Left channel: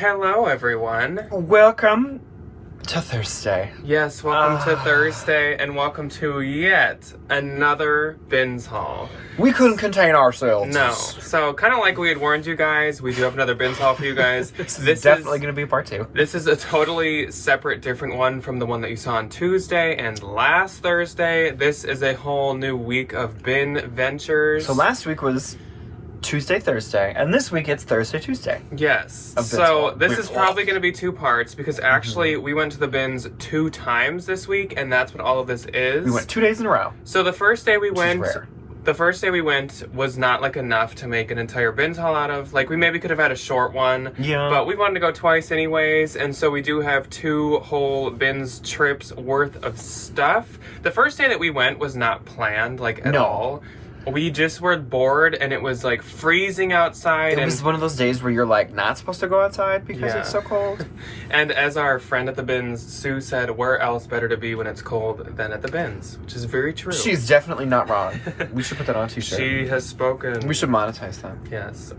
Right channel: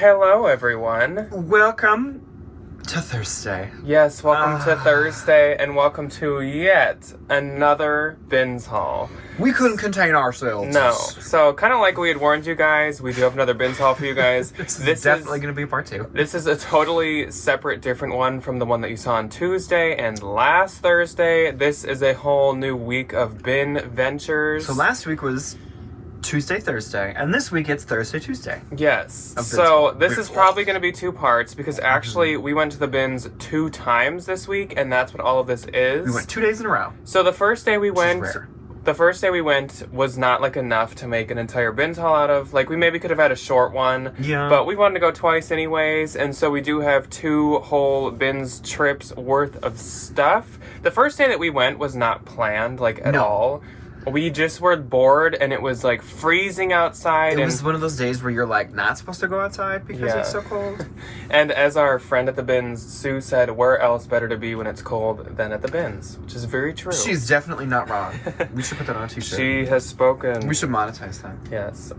Hello, everyone. Welcome to Thursday. Yes, welcome to Thursday, and welcome to yet another bins haul. We couldn't contain ourselves. No. So, kind of like we had warned you guys, we do have another bins haul for you guys. This is definitely going to be part 2. This is a totally separate, different one from the one that you saw on Tuesday and last Thursday. This is a whole new week of bin ventures. So last week was Tuesday, Thursday, and this week it's Thursday, Tuesday. Yes. So this is probably going to be 2 parts because actually we went to the bins 2 times this week, and that's what all of this is. We went 2 days in a row. So the first day we went, rare. the first day we went was not like enough to make an entire bins haul out of. Like we maybe could have had a short one. Yeah. But we wanted to go twice anyways, and so we do have 2 whole bins trips worth of stuff. The first day that we went was not planned like at all. We just were bored, and it was like freezing outside. It was one of those days where you're like not supposed to go outside because it's so cold. And as our friend at the bins, Sue, said, where else better to be when it's cold than at the bins? Which is very true. She's definitely not wrong. We should put that on a t-shirt. She has spoken. We should monetize that. Yes.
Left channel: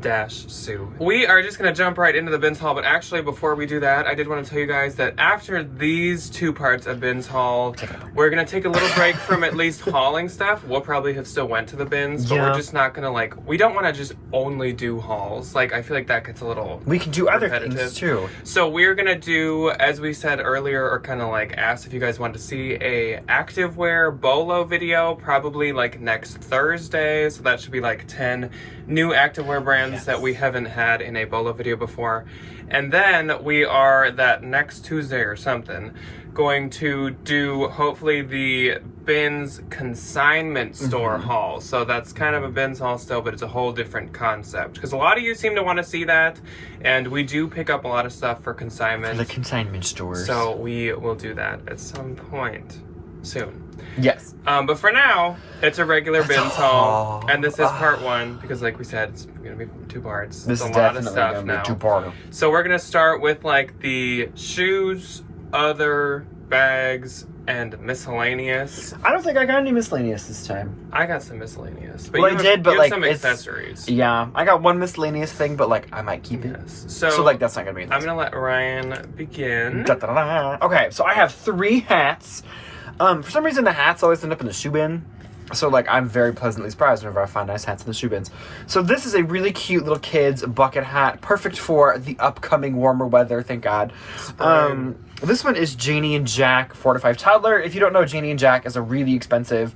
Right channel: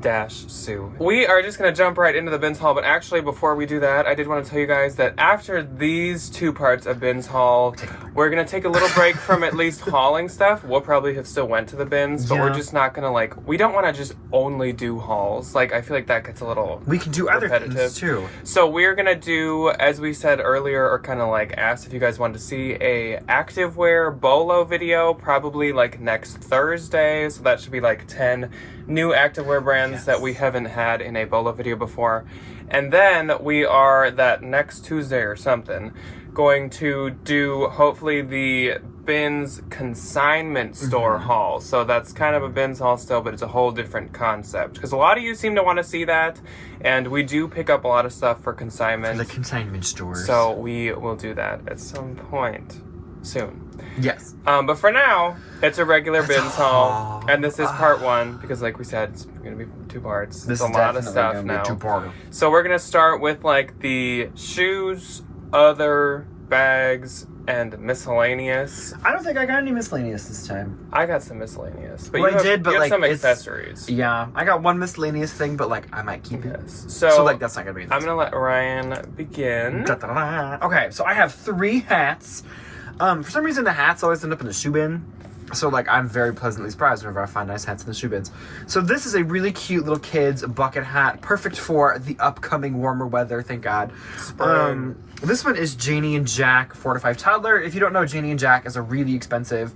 Dash Sue. We are just going to jump right into the bins haul, but actually before we do that, I did want to tell you guys that after these 2 parts of bins haul, we're going to take a little break from at least hauling stuff. We'll probably have still went to the bins, but we're just not going to like, we don't want to just only do hauls. Like, I feel like that gets a little We can do other repetitive. things too. So we're going to do, as we said earlier, or kind of like asked if you guys wanted to see a activewear bolo video, probably like next Thursday. So that should be like 10 new activewear brands that we haven't had in a bolo video before. And then we are, that next Tuesday or something, going to do hopefully the bins consignment store haul. So that's kind of a bins haul still, but it's a whole different concept. Because a lot of you seem to want to see that, and we do pick up a lot of stuff for consignment. For the consignment stores. So we will do that at some point soon. Yes. But for now, it's a regular bins haul, and this is part 1 because, like we said, it's going to be 2 parts. This is is a lot of definitely stuff gonna now. be a 2-parter. So we're going to start with like the shoes, other bags, and miscellaneous. I don't think I got any miscellaneous this time. I got some miscellaneous, but Well, you I did, but you have like some it's- accessories. Yeah, I got one miscellaneous thing, but like I might keep it. Yes. So like that's not gonna be. I'm gonna let Ryan begin. Okay, so I have 3 hats. For some reason the hats always end up in the shoe bin. So like I'm very pleasantly surprised whenever I find nice hats in the shoe bins. So this is a really cute little kid's bucket hat, perfect for the upcoming warmer weather, thank God. This one is Janie and Jack 4 to 5 toddler. If you don't know, Janie and Jack is a really expensive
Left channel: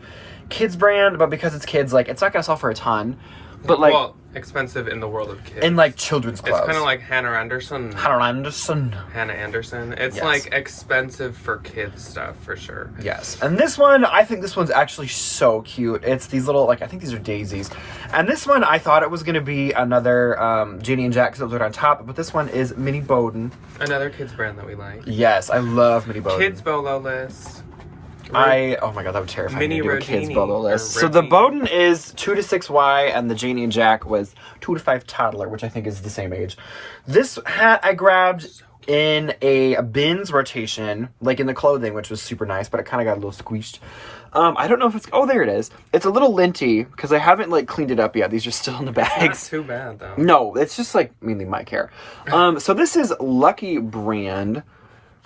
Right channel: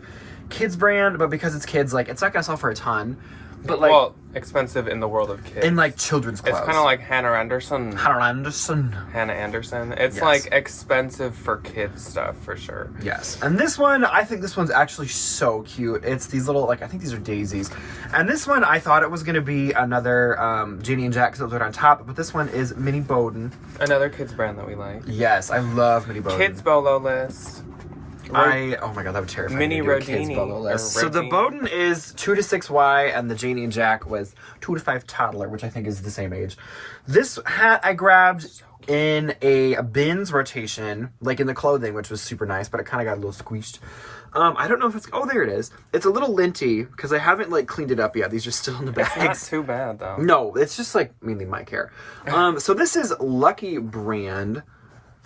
kids brand, but because it's kids, like it's not gonna sell for a ton. But like, well, expensive in the world of kids. in like children's clothes. It's kind of like Hannah Anderson. Hannah Anderson. It's like expensive for kids stuff for sure. Yes. And this one, I think this one's actually so cute. It's these little, like, I think these are daisies. And this one, I thought it was going to be another Janie and Jack silhouette on top, but this one is Minnie Bowden. Another kids brand that we like. Yes, I love Minnie Bowden. Kids bolo list. Oh my god, that would terrify Mini me. Kids Rodini, bolo list. or So the Reggie. Bowden is 2 to 6Y, and the Janie and Jack was 2 to 5 toddler, which I think is the same age. This hat I grabbed in a bins rotation, like in the clothing, which was super nice, but it kind of got a little squeezed. I don't know if it's, oh, there it is. It's a little linty, because I haven't, like, cleaned it up yet. These are still in the bags. Not too bad, though. No, it's just, like, mainly my care. So this is Lucky brand,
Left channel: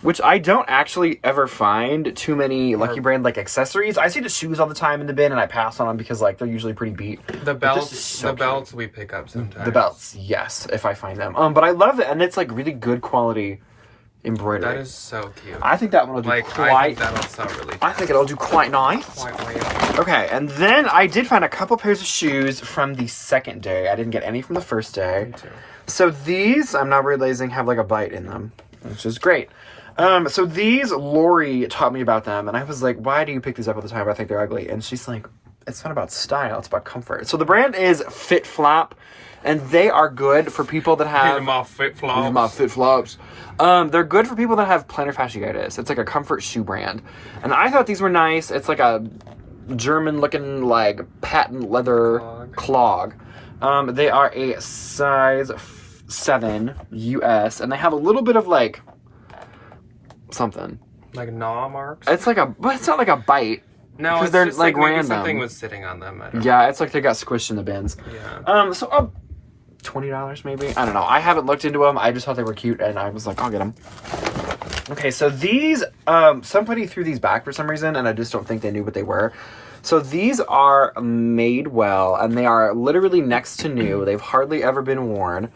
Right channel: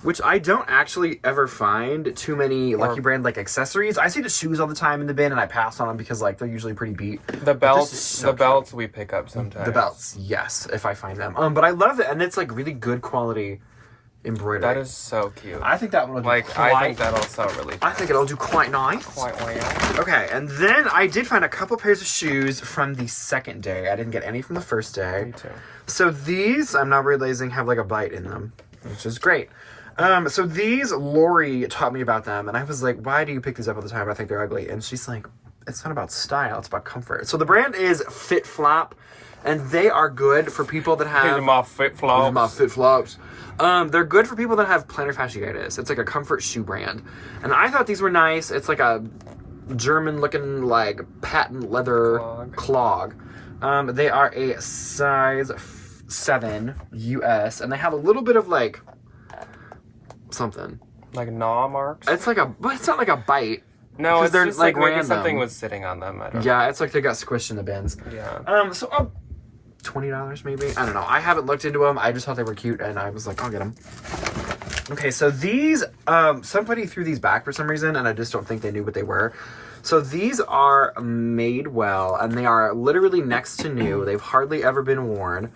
which I don't actually ever find too many Lucky brand, like, accessories. I see the shoes all the time in the bin, and I pass on them because, like, they're usually pretty beat. The belts, belts we pick up sometimes. The belts, yes, if I find them. But I love it, and it's, like, really good quality embroidery. That is so cute. I think that one will do I think that'll sell really I think it'll do quite nice. quite right. Okay, and then I did find a couple pairs of shoes from the second day. I didn't get any from the first day. Me too. So these, I'm not realizing, have like a bite in them, which is great. So these, Lori taught me about them, and I was like, why do you pick these up all the time? I think they're ugly. And she's like, it's not about style, it's about comfort. So the brand is Fit Flop, and they are good for people that have... my fit flops. My Fit Flops. They're good for people that have plantar fasciitis. It's like a comfort shoe brand. And I thought these were nice. It's like a German-looking, like, patent leather clog. They are a size 7 US, and they have a little bit of, like, something. Like gnaw marks? It's like a, but it's not like a bite. No, it's they're just like maybe random. something was sitting on them. I don't Yeah, it's like they got squished in the bins. Yeah. So $20 maybe. I don't know. I haven't looked into them. I just thought they were cute, and I was like, I'll get them. Okay, so these, somebody threw these back for some reason, and I just don't think they knew what they were. So these are Madewell, and they are literally next to new. They've hardly ever been worn.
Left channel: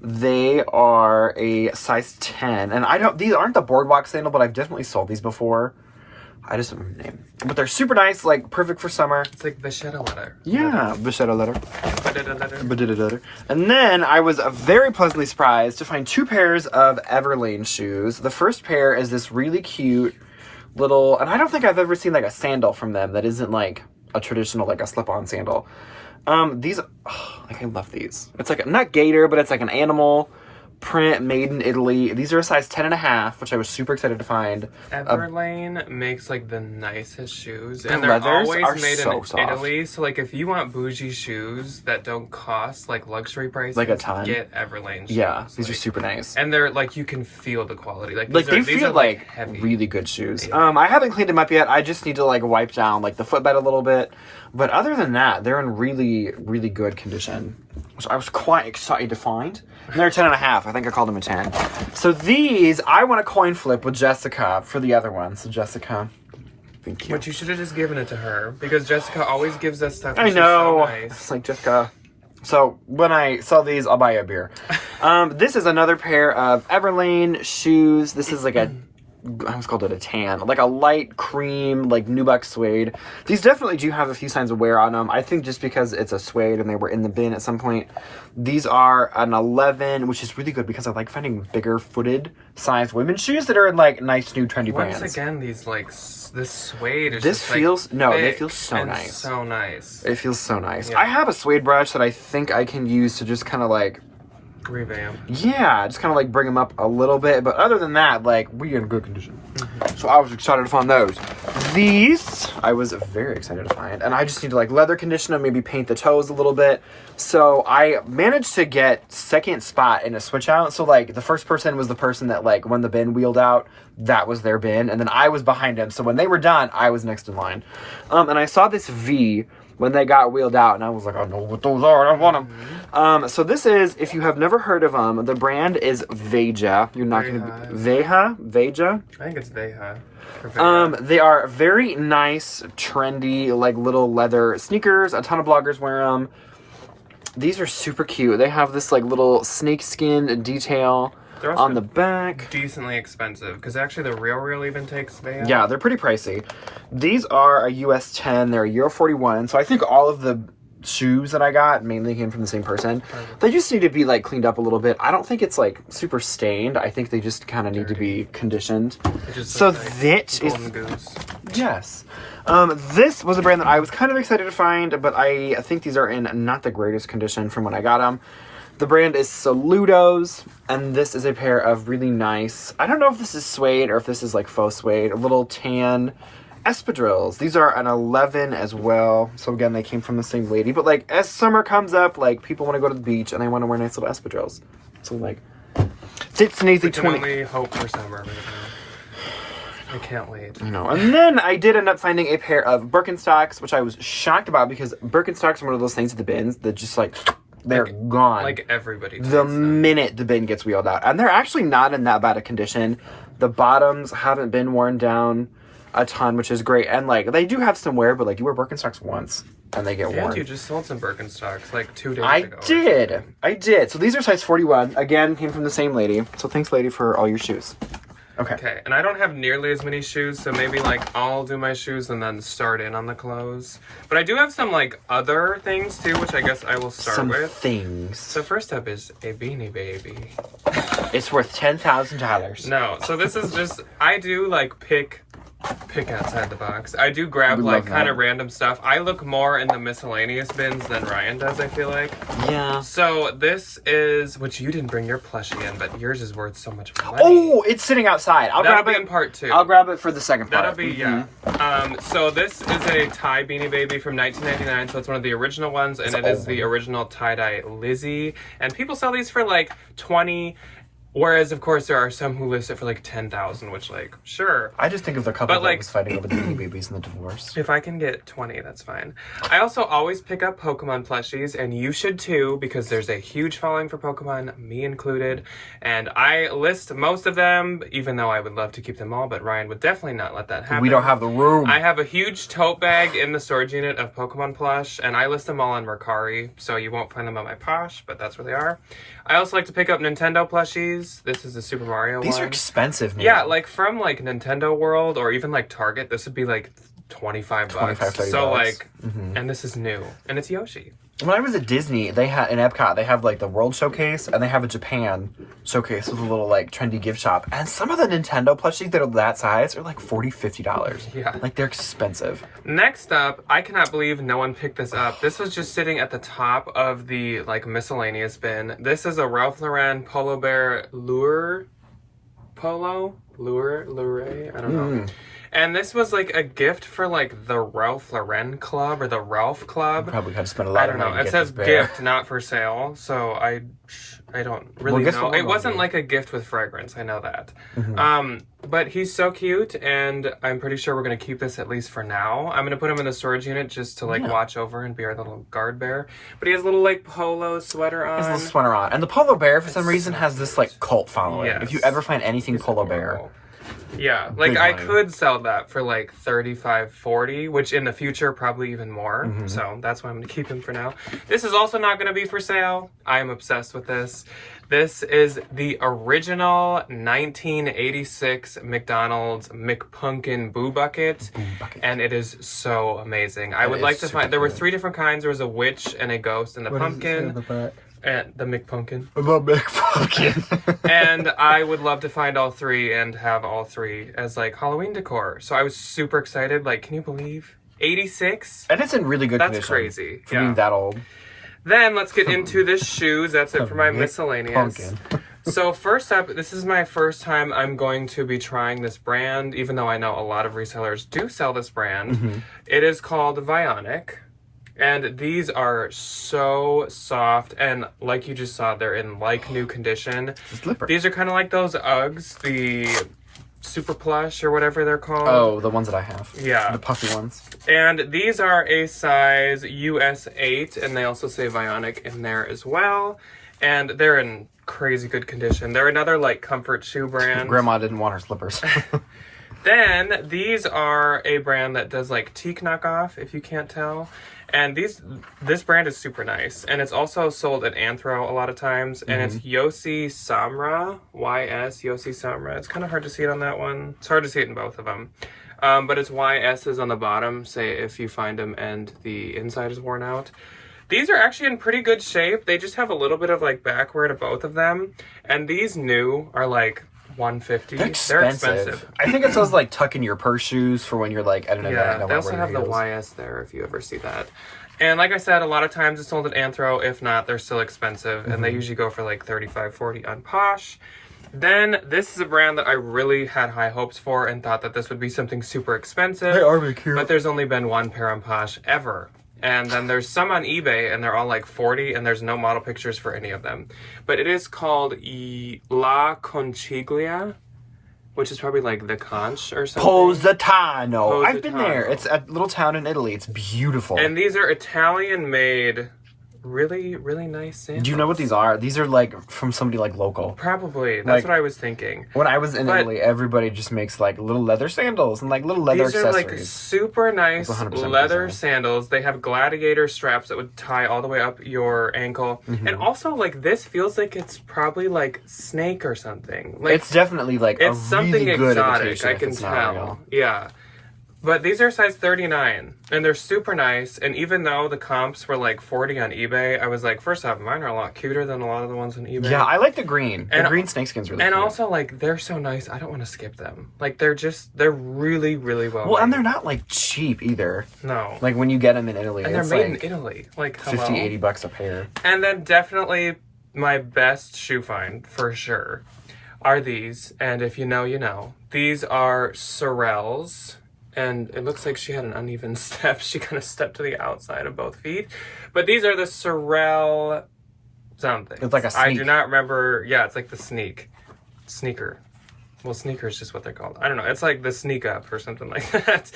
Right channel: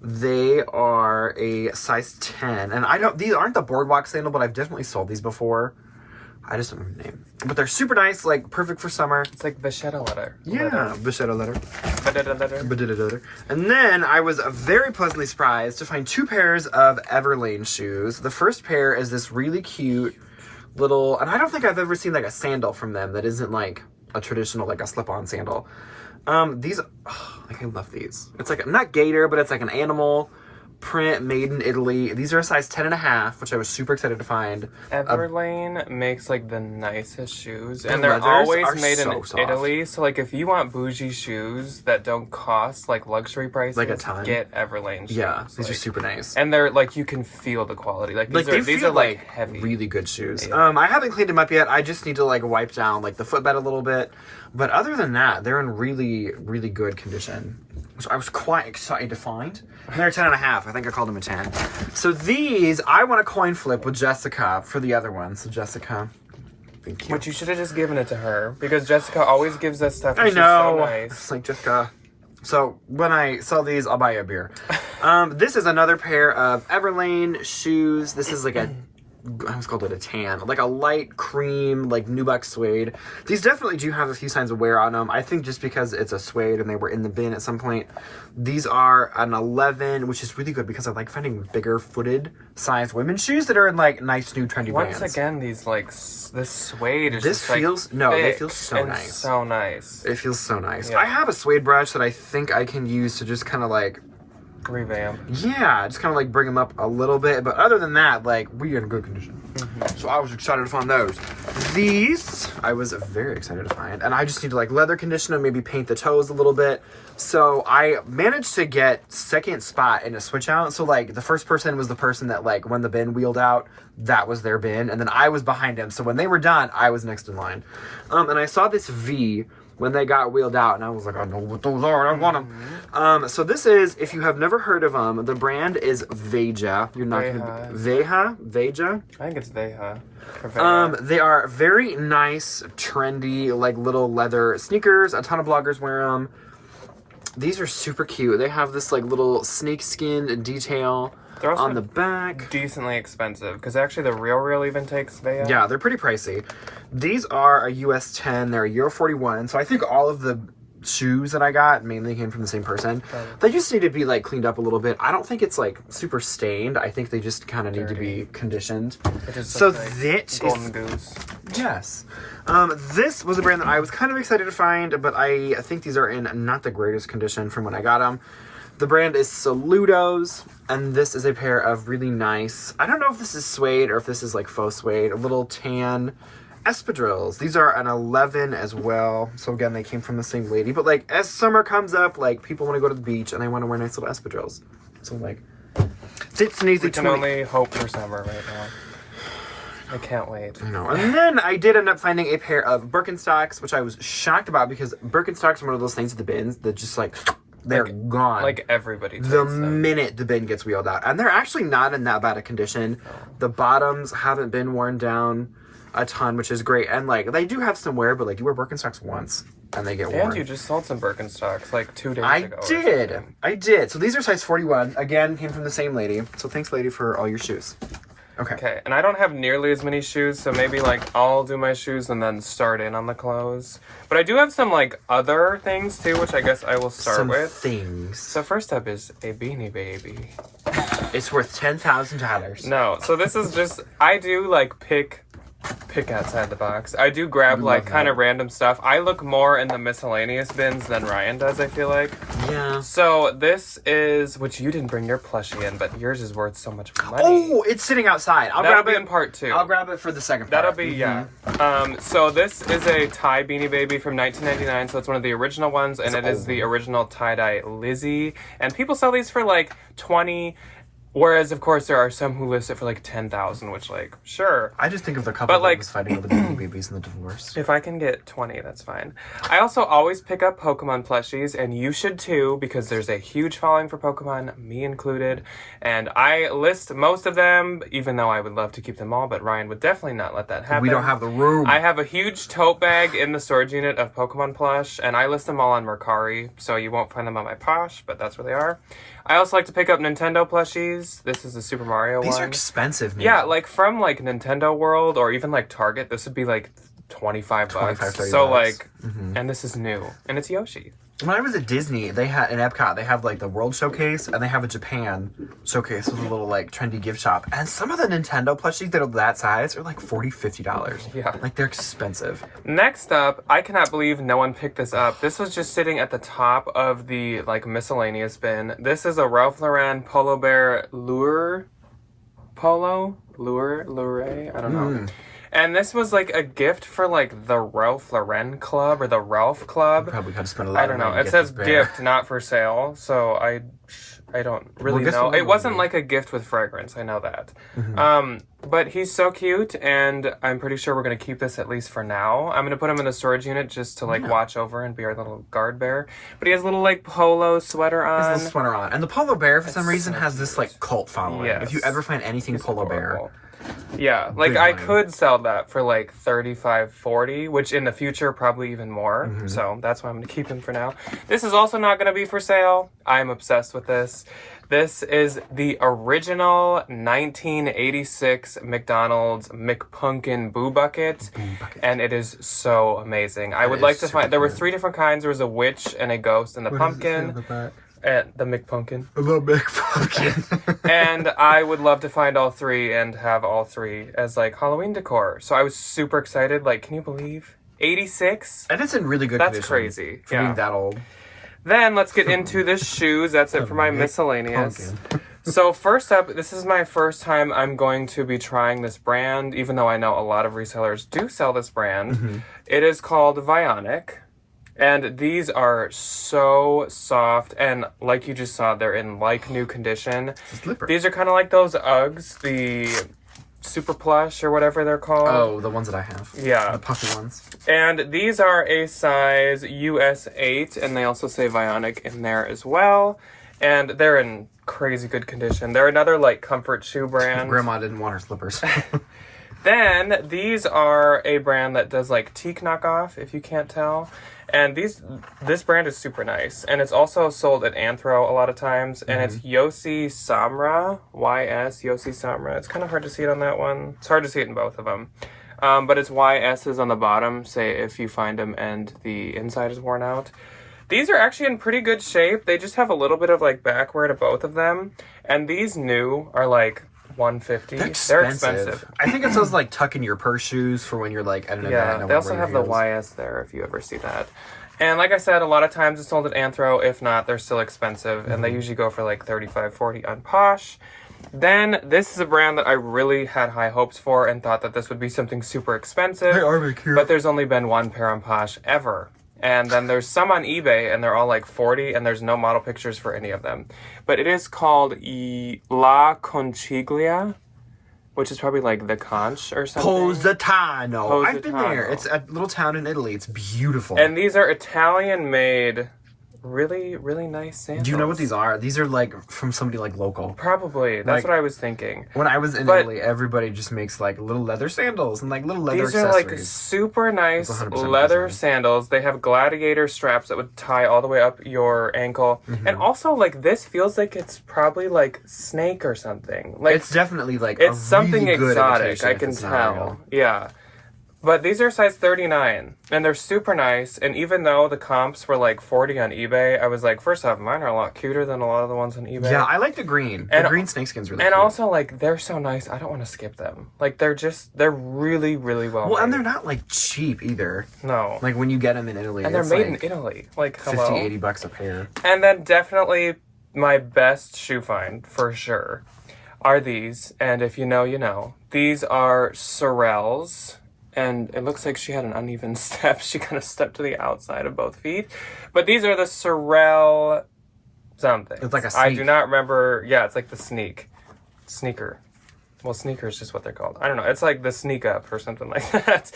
They are a size 10, and these aren't the boardwalk sandal, but I've definitely sold these before. I just don't remember the name. But they're super nice, like perfect for summer. It's like Vachetta leather. Yeah, Vachetta leather. And then I was very pleasantly surprised to find 2 pairs of Everlane shoes. The first pair is this really cute little, and I don't think I've ever seen like a sandal from them that isn't like a traditional, like a slip-on sandal. These, I love these. It's like, not gator, but it's like an animal print made in Italy. These are a size 10.5, which I was super excited to find. Everlane makes like the nicest shoes, The and they're leathers always are made so in soft. Italy. So like, if you want bougie shoes that don't cost like luxury prices, Like a ton. get Everlane shoes. Yeah, these are Like, super nice. and they're like, you can feel the quality. Like, Like, these feel are like heavy. really good shoes. Yeah. I haven't cleaned them up yet. I just need to like wipe down like the footbed a little bit. But other than that, they're in really, really good condition, which I was quite excited to find. And they're 10.5. I think I called them a 10. So these, I want a coin flip with Jessica for the other one. So Jessica, thank you. But you should have just given it to her, because Jessica always gives us stuff. I She's know. So nice. It's like, Jessica. So when I sell these, I'll buy you a beer. This is another pair of Everlane shoes. This is like I almost called it a tan, like a light cream, like nubuck suede. These definitely do have a few signs of wear on them. I think just because it's a suede and they were in the bin at some point. These are an 11, which is really good because I like finding bigger footed size women's shoes that are in like nice new trendy brands. Once again, these like this suede is This just, feels like, no, they thick feel so and nice. So nice. It feels so nice. Yeah. I have a suede brush that I think I can use to just kind of like Revamp. yeah, just kind of like bring them up a little bit. But other than that, like, we in good condition. Mm-hmm. So I was excited to find those. These, I was very excited to find. And I just need to like leather condition them, maybe paint the toes a little bit. So I managed to get second spot in a switch out. So like the first person was the person that like when the bin wheeled out, that was their bin. And then I was behind him. So when they were done, I was next in line. And I saw this V when they got wheeled out, and I was like, I know what those are, I want them. So this is, if you have never heard of them, the brand is Veja. You're not going to be... Veja? I think it's Veja. They are very nice, trendy, like little leather sneakers. A ton of bloggers wear them. These are super cute. They have this like little snake skin detail on the back. Decently expensive, because actually the real even takes Veja. Yeah, they're pretty pricey. These are a US 10. They're a Euro 41. So I think all of the shoes that I got mainly came from the same person. They just need to be like cleaned up a little bit. I don't think it's like super stained. I think they just kind of need to be conditioned. So this Golden is Goose. yes. This was a brand that I was kind of excited to find, but I think these are in not the greatest condition from when I got them. The brand is Saludos, and this is a pair of really nice, I don't know if this is suede or if this is like faux suede, a little tan espadrilles. These are an 11 as well. So again, they came from the same lady. But like as summer comes up, like people want to go to the beach and they want to wear nice little espadrilles. So like, it's an easy 20. We can only hope for summer right now. I can't wait. I know. And then I did end up finding a pair of Birkenstocks, which I was shocked about because Birkenstocks are one of those things at the bins that just like, they're gone. Like everybody takes the them. minute the bin gets wheeled out. And they're actually not in that bad a condition. The bottoms haven't been worn down a ton, which is great. And like they do have some wear, but like you wear Birkenstocks once and they get worn. And you just sold some Birkenstocks like 2 days ago. I did. So these are size 41. Again, came from the same lady. So thanks, lady, for all your shoes. Okay. And I don't have nearly as many shoes, so maybe like I'll do my shoes and then start in on the clothes. But I do have some like other things too, which I guess I will start with. Things. So first up is a Beanie Baby. It's worth $10,000. No, so this is just, I do like pick outside the box. I do grab like kind of random stuff. I look more in the miscellaneous bins than Ryan does, I feel like. Yeah. So this is, which you didn't bring your plushie in, but yours is worth so much money. Oh, it's sitting outside. I'll That'll grab be it in part 2. I'll grab it for the second part. That'll be, yeah. So this is a tie Beanie Baby from 1999, so it's one of the original ones, and it is the original tie-dye Lizzie. And people sell these for like $20. Whereas, of course, there are some who list it for like 10,000, which, like, sure. I just think of the couple But, that like, was fighting over the Beanie Babies and the divorce. If I can get 20, that's fine. I also always pick up Pokemon plushies, and you should too, because there's a huge following for Pokemon, me included. And I list most of them, even though I would love to keep them all, but Ryan would definitely not let that happen. We don't have the room. I have a huge tote bag in the storage unit of Pokemon plush, and I list them all on Mercari, so you won't find them on my Posh, but that's where they are. I also like to pick up Nintendo plushies. This is the Super Mario one. These are expensive, man. Yeah, like from like Nintendo World or even like Target, this would be like 25 bucks. 30 so bucks. like, and this is new, and it's Yoshi. When I was at Disney, they had in Epcot, they have like the World Showcase, and they have a Japan Showcase with a little like trendy gift shop. And some of the Nintendo plushies that are that size are like $40, $50. Yeah. Like they're expensive. Next up, I cannot believe no one picked this up. This was just sitting at the top of the like miscellaneous bin. This is a Ralph Lauren Polo Bear Lure, I don't know. And this was like a gift for like the Ralph Lauren Club or the Ralph Club. Probably have to spend a lot of money. I don't know. It says gift, not for sale. So I don't really know. It wasn't like a gift with fragrance. I know that. But he's so cute, and I'm pretty sure we're going to keep this at least for now. I'm going to put him in the storage unit just to like watch over and be our little guard bear. But he has a little like polo sweater on. His little sweater on. And the Polo Bear, for some reason, has this like cult following. Yes. If you ever find anything Polo Bear. Yeah, like Big I money. could sell that for like 35, 40, which in the future probably even more. So that's why I'm gonna keep him for now. This is also not gonna be for sale. I'm obsessed with this. This is the original 1986 McDonald's McPumpkin Boo Bucket, and it is so amazing. I would like to find. There were 3 different kinds. There was a witch and a ghost and a pumpkin. And the McPumpkin. The McPumpkin. And I would love to find all 3 and have all 3 as like Halloween decor. So I was super excited. Like, can you believe 86? And it's in really good condition. That's crazy. For being that old. Then let's get into the shoes. That's it for my miscellaneous. So first up, this is my first time I'm going to be trying this brand, even though I know a lot of resellers do sell this brand. It is called Vionic. And these are so soft, and like you just saw, they're in like new condition. These are kind of like those Uggs, the Super Plush or whatever they're called. Oh, the ones that I have. Yeah. The puffy ones. And these are a size US 8, and they also say Vionic in there as well. And they're in crazy good condition. They're another like comfort shoe brand. Grandma didn't want her slippers. Then these are a brand that does like teak knockoff, if you can't tell. And this brand is super nice. And it's also sold at Anthro a lot of times. And it's Yossi Samra, Y-S, Yossi Samra. It's kind of hard to see it on that one. It's hard to see it in both of them. But it's Y-S's on the bottom, say if you find them and the inside is worn out. These are actually in pretty good shape. They just have a little bit of like backwear to both of them. And these new are like $150. They're expensive. I think it's those like tuck in your purse shoes for when you're like at an event. Yeah, they also have the YS there if you ever see that. And like I said, a lot of times it's sold at Anthro. If not, they're still expensive. And they usually go for like $35, $40 on Posh. Then this is a brand that I really had high hopes for and thought that this would be something super expensive. They are really cute. But there's only been 1 pair on Posh ever. And then there's some on eBay, and they're all like $40, and there's no model pictures for any of them. But it is called La Conciglia, which is probably like the conch or something. Positano. I've been there. It's a little town in Italy. It's beautiful. And these are Italian-made, really, really nice sandals. Do you know what these are? These are like from somebody like local. Probably. That's Like, what I was thinking. When I was in Italy, everybody just makes like little leather sandals and like little leather accessories. These are like super nice 100% leather sandals. They have gladiator straps that would tie all the way up your ankle. And also like this feels like it's probably like snake or something. Like it's definitely like it's a something really good exotic, imitation I if can it's not tell. real. Yeah. But these are size 39, and they're super nice. And even though the comps were like 40 on eBay, I was like, first off, mine are a lot cuter than a lot of the ones on eBay. Yeah, I like the green. The green snakeskin's really And cute. also, like, they're so nice. I don't want to skip them. Like, they're really, really well Well, and made. they're not like cheap either. No. Like when you get them in Italy, And they're it's made like in Italy. Like, 50, hello? $80 a pair. And then definitely my best shoe find, for sure, are these. And if you know, you know. These are Sorels. And it looks like she had an uneven step. She kind of stepped to the outside of both feet. But these are the Sorel something. It's like a I sneak. do not remember. Yeah, it's like the sneak. sneaker. Well, sneaker is just what they're called. I don't know. It's like the sneak up or something like that.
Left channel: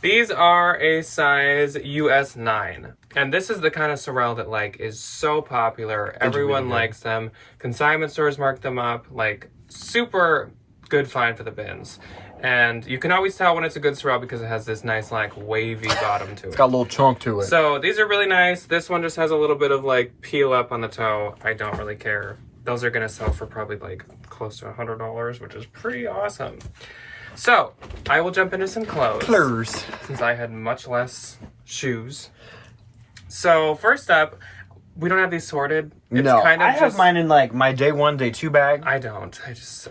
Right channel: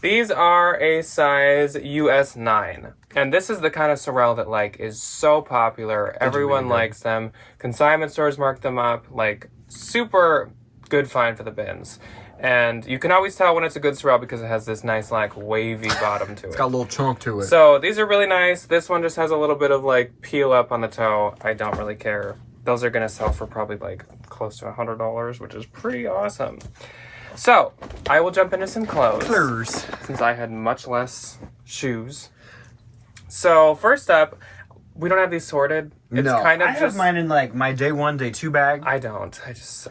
These are a size US 9. And this is the kind of Sorel that, like, is so popular. Everyone likes them. Consignment stores mark them up. Like, super good find for the bins. And you can always tell when it's a good Sorel because it has this nice, like, wavy bottom to it. It's got a little chunk to it. So, these are really nice. This one just has a little bit of, like, peel up on the toe. I don't really care. Those are going to sell for probably, like, close to $100, which is pretty awesome. So, I will jump into some clothes. Since I had much less shoes. So, first up, we don't have these sorted. It's kind of I have mine in, like, my day 1, day 2 bag. I don't.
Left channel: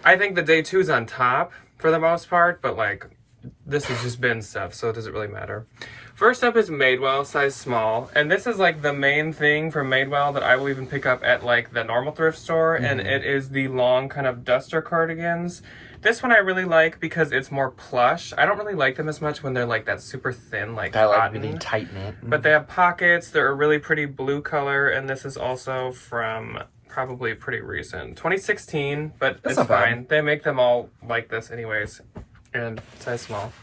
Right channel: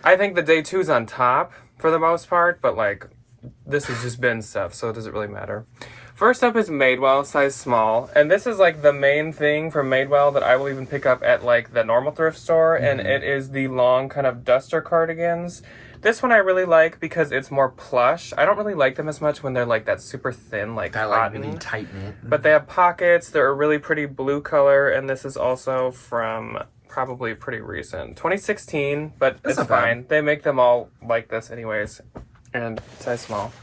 I think the day 2's on top for the most part, but, like, this is just bin stuff, so it doesn't really matter. First up is Madewell, size small. And this is, like, the main thing from Madewell that I will even pick up at, like, the normal thrift store. And it is the long kind of duster cardigans. This one I really like because it's more plush. I don't really like them as much when they're, like, that super thin, like, I like cotton. really tight knit. But they have pockets. They're a really pretty blue color. And this is also from probably pretty recent. 2016, but it's fine. They make them all like this anyways. And size small.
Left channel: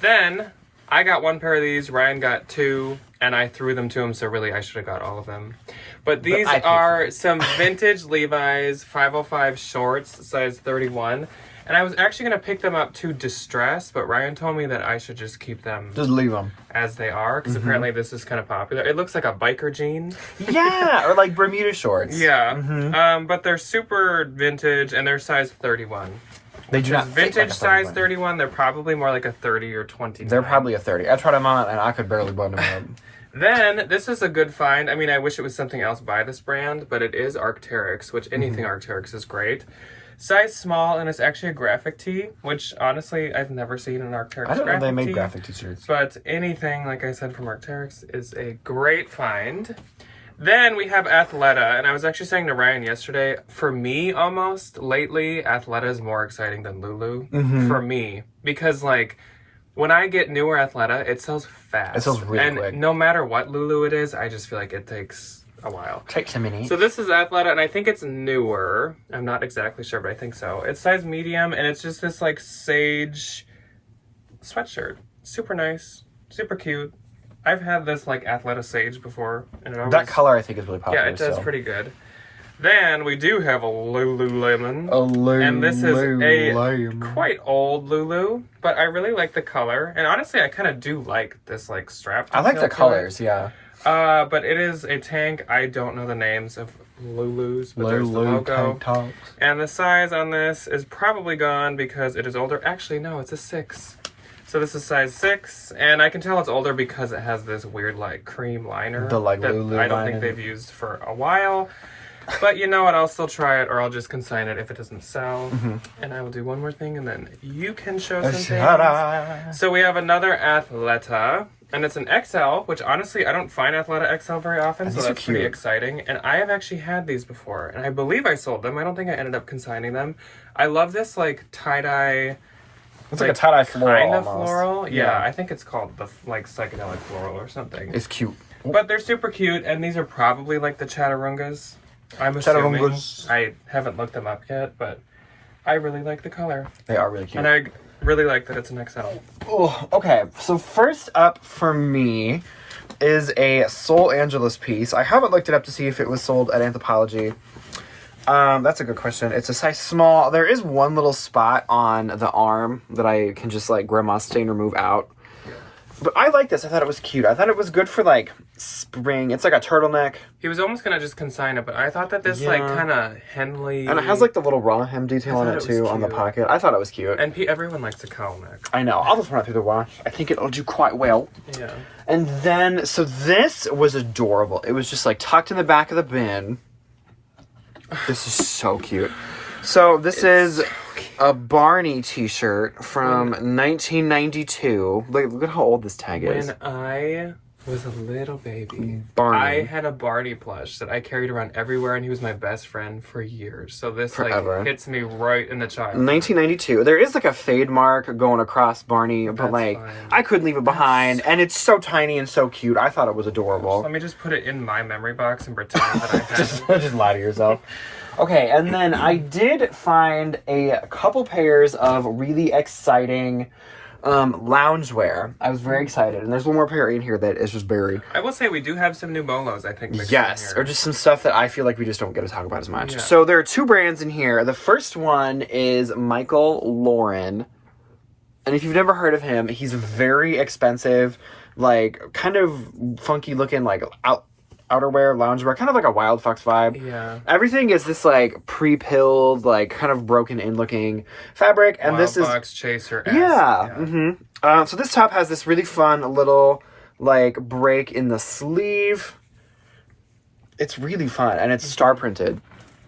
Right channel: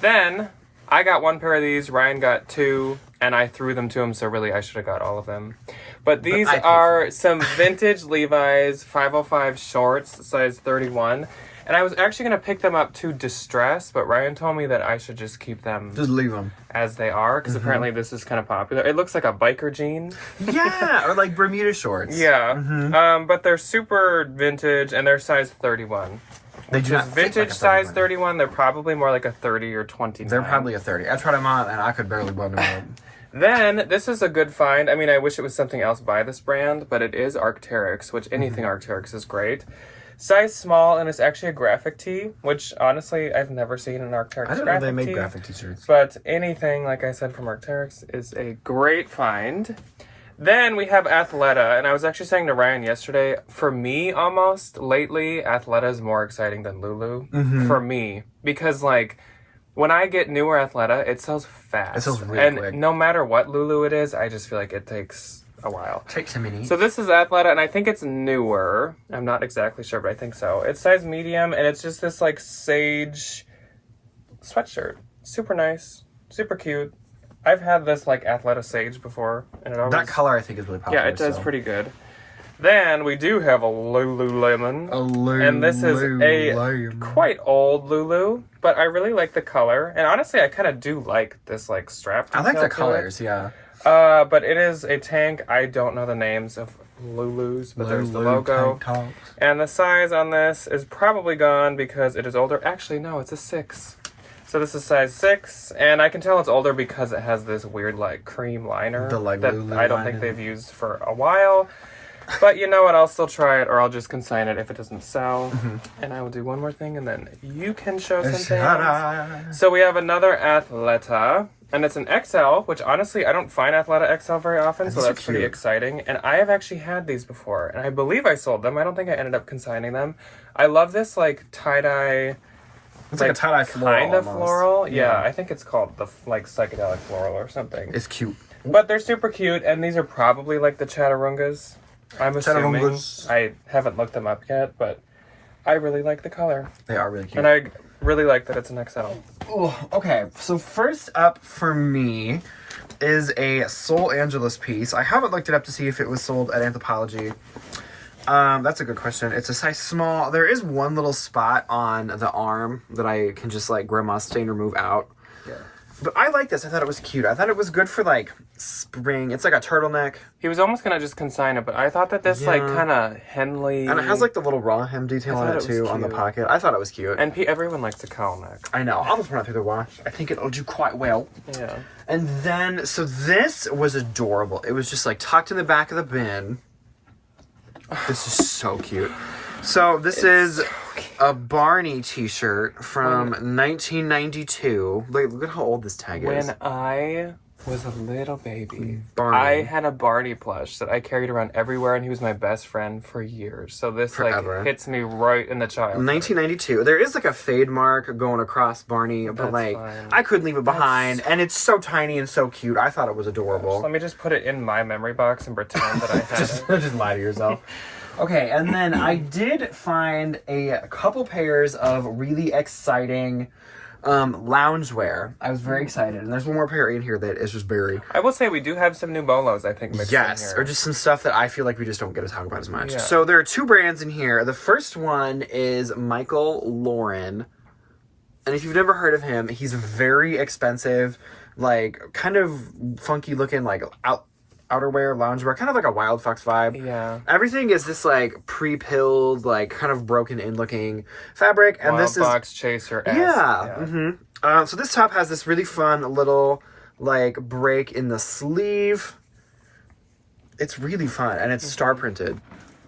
Then I got one pair of these, Ryan got 2, and I threw them to him, so really I should have got all of them. But these are some vintage Levi's 505 shorts, size 31. And I was actually going to pick them up to distress, but Ryan told me that I should just keep them. Just leave them. As they are, because apparently this is kind of popular. It looks like a biker jean. Yeah, or like Bermuda shorts. Yeah. But they're super vintage, and they're size 31. They do not vintage like size 31. They're probably more like a 30 or 29. They're probably a 30. I tried them on and I could barely button them up. Then, this is a good find. I mean, I wish it was something else by this brand, but it is Arc'teryx, which anything Arc'teryx is great. Size small, and it's actually a graphic tee, which honestly, I've never seen an Arc'teryx graphic tee. I don't know if they made graphic t-shirts. But anything, like I said, from Arc'teryx is a great find. Then we have Athleta, and I was actually saying to Ryan yesterday, for me almost, lately, Athleta is more exciting than Lulu. For me. Because, like, when I get newer Athleta, it sells fast. It sells really quick. And no matter what Lulu it is, I just feel like it takes a while. Takes a minute. So this is Athleta, and I think it's newer. I'm not exactly sure, but I think so. It's size medium, and it's just this, like, sage sweatshirt. Super nice. Super cute. I've had this, like, Athleta Sage before. And it always, that color, I think, is really popular. Yeah, it does pretty good. Then we do have a Lululemon. And this is a quite old Lulu, but I really like the color. And honestly, I kind of do like this, like, strap. I like the colors, yeah. But it is a tank. I don't know the names of Lulus, but there's the logo. And the size on this is probably gone because it is older. Actually, no, it's a 6. So this is size 6, and I can tell it's older because it has this weird, like, cream liner that Lulu I don't think they've used for a while. But you know what? I'll still try it, or I'll just consign it if it doesn't sell. And I will do one more thing, and then you can show some things. So we have another Athleta, and it's an XL, which honestly, I don't find Athleta XL very often, so that's pretty exciting. And I have actually had these before, and I believe I sold them. I don't think I ended up consigning them. I love this, like, tie-dye. It's like a tie-dye floral. Kind of floral. Yeah, I think it's called the, like, psychedelic floral or something. It's cute. But they're super cute, and these are probably, like, the Chaturungas. I'm assuming. I haven't looked them up yet, but I really like the color. They are really cute. And I really like that it's an XL. Oh, okay. So first up for me is a Soul Angeles piece. I haven't looked it up to see if it was sold at Anthropologie. That's a good question. It's a size small. There is one little spot on the arm that I can just, like, grandma stain remove out. Yeah. But I like this. I thought it was cute. I thought it was good for, like, spring. It's like a turtleneck. He was almost going to just consign it, but I thought that this, like, kind of Henley... And it has, like, the little raw hem detail on it, too, on the pocket. I thought it was cute. And everyone likes a cowl neck. I know. I'll just run it through the wash. I think it'll do quite well. Yeah. And then, so this was adorable. It was just, like, tucked in the back of the bin. This is so cute. So this is a Barney t-shirt from 1992. Look at how old this tag is. When I was a little baby, Barney. I had a Barney plush that I carried around everywhere, and he was my best friend for years. So this, like, hits me right in the child. 1992. There is, like, a fade mark going across Barney, but, that's, like, fine. I couldn't leave it behind, and it's so tiny and so cute. I thought it was adorable. Let me just put it in my memory box and pretend that I have it. Just lie to yourself. Okay, and then I did find a couple pairs of really exciting loungewear. I was very excited, and there's one more pair in here that is just buried. I will say we do have some new bolos, I think. Yes, or just some stuff that I feel like we just don't get to talk about as much. Yeah. So there are two brands in here. The first one is Michael Lauren, and if you've never heard of him, he's very expensive, like kind of funky looking, like outerwear, loungewear, kind of like a Wild Fox vibe. Yeah. Everything is this like pre-pilled, like kind of broken in looking fabric, and Wild this is Fox Chaser. yeah. Mm-hmm. So this top has this really fun little like break in the sleeve. It's really fun, and it's star printed,